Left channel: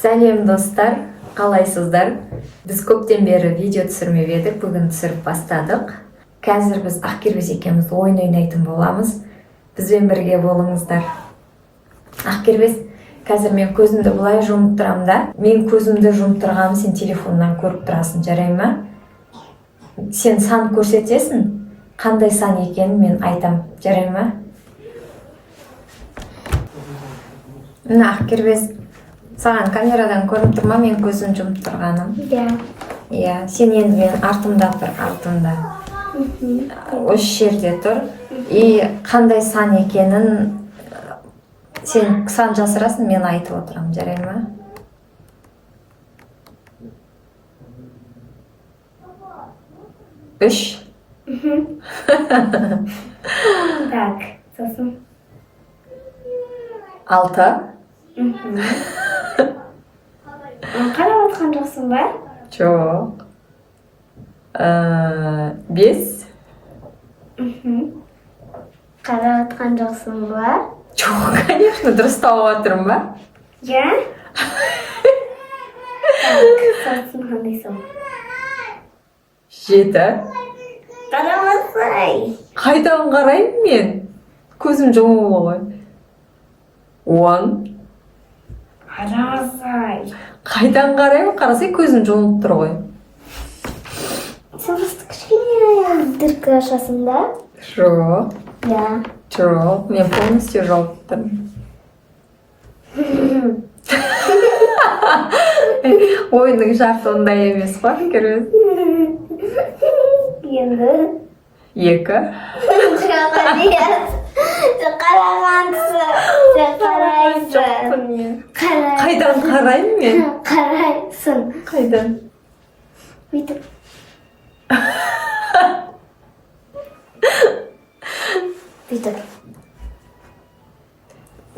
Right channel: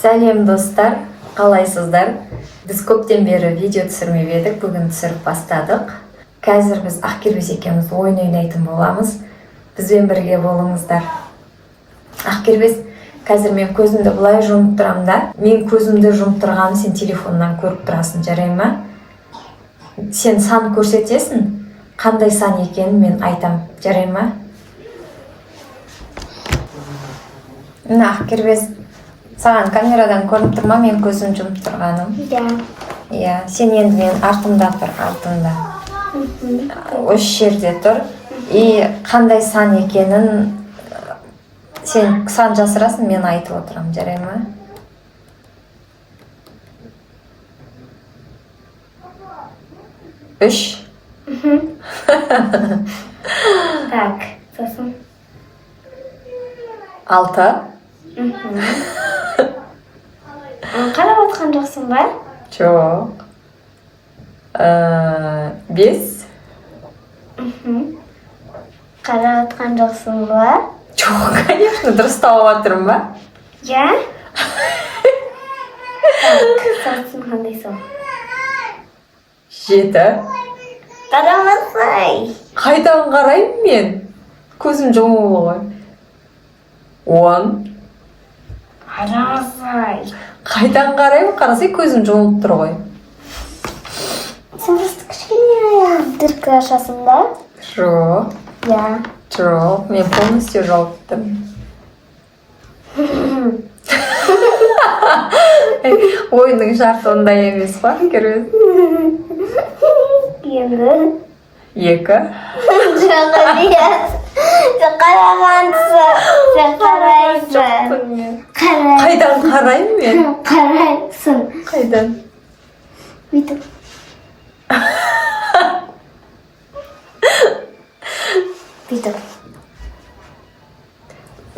Сәлем достар, қалайсыздар? Біз көптен бері видео түсірмеп едік, бүгін түсіріп бастадық. Қазір біз Ақкербез екеуміз ойын ойнайтын боламыз. Бізбен бірге болыңыздар. Ақкербез, қазір мен көзімді бұлай жұмып тұрамын да. Мен көзімді жұмып тұрғанын сен телефоннан көріп тұрасың, жарай ма? Сен сан көрсетесің, қандай сан екенін мен айтам, жарай ма? Мына Ақкербез, саған камерадан көрініп тұр ма мен көзім жұмып тұрғаным? Иә, сен енді мен артымда тұр, артымда. Осы жерде тұр. И қандай сан екенін сен сан жасырасың, мен айтып отырам, жарай ма? Үш. Так, сосын. Алты. Қарап отқан жоқсың ба? Жоқ. Бес. Қарап отқан жоқсың ба? Жоқ, конечно, дұрыс тауып отырмын ба? Иә? Сосын қандай сон? Жеті. Қарамасай. Қайдан қараймын мен? Көзім жұмулы ғой. 10. Қарамасай. Қайдан қараймын? Қарасай көзім жұмылып тұр ғой. Сен просто кішкене дырка ашасың ба? Жоқ. Иә. Жоқ, мен полностью жауып тұрмын. Ойынның шарты ондай емес па, Ақкербез? Енді? 2. Жоқ, емес. Сен қарағансың. Сен қарайсың. Жоқпын мен. Қайдан қараймын мен? Қарайсың. Қайдан? Бүйтіп. Бүйтіп.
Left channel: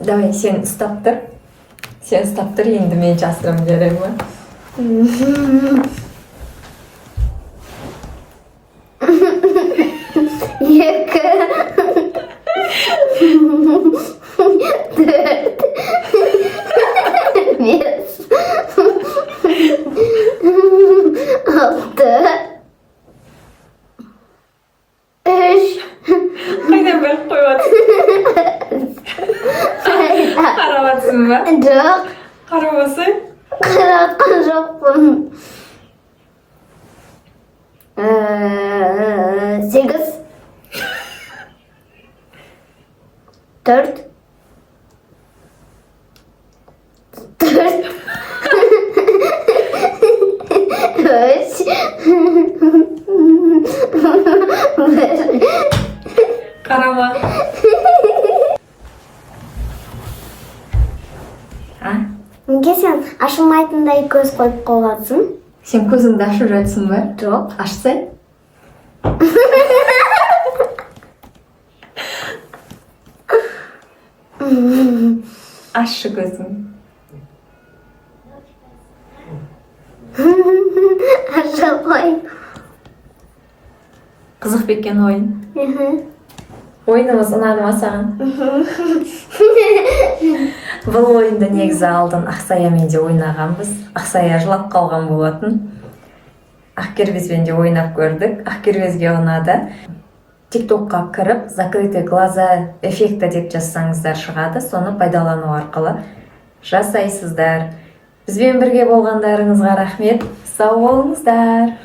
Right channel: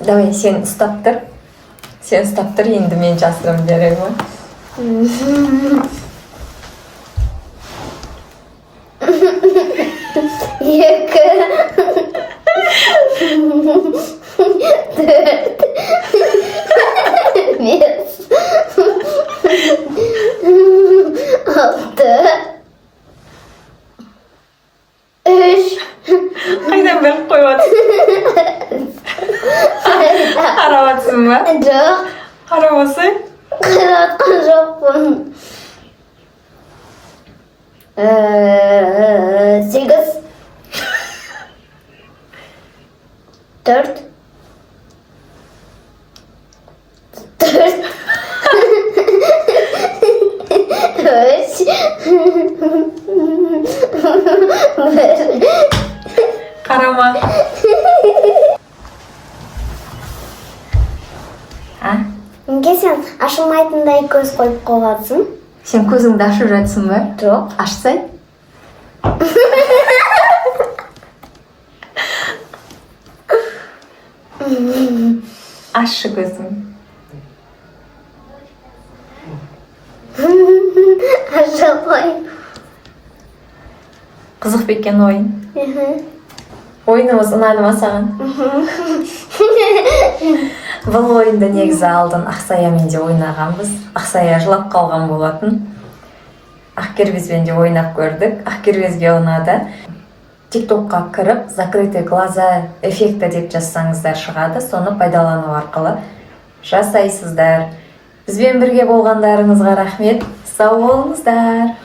Давай, сен ұстап тұр. Сен ұстап тұр, енді мен жасырам, жарай ма? Екі. Төрт. Бес. Алты. Үш. Қайдан біліп қойып Қараматсың ба? Жоқ. Қарамасай? Қаратқан жоқпын. 8. 4. 4. 3. 1. Қарама. Неге сен ашылмайтындай көз қойып қойғансың? Сен көзіңді ашып жатсың ба? Жоқ. Ашсай? Ашшы көзің. Аша қой. Қызық бекен ойын. Ойынымыз ұнады ма саған? Бұл ойынды негізі алдын Ақсаямен де ойнағанбыз. Ақсая жылап қалған болатын. Ақкербезбен де ойнап көрдік. Ақкербезге ұнады. Тиктокқа кіріп, закрытый глаза эффекті деп жазсаңыздар шығады. Соны пайдалану арқылы жасайсыздар. Бізбен бірге болғандарыңызға рахмет. Сау болыңыздар.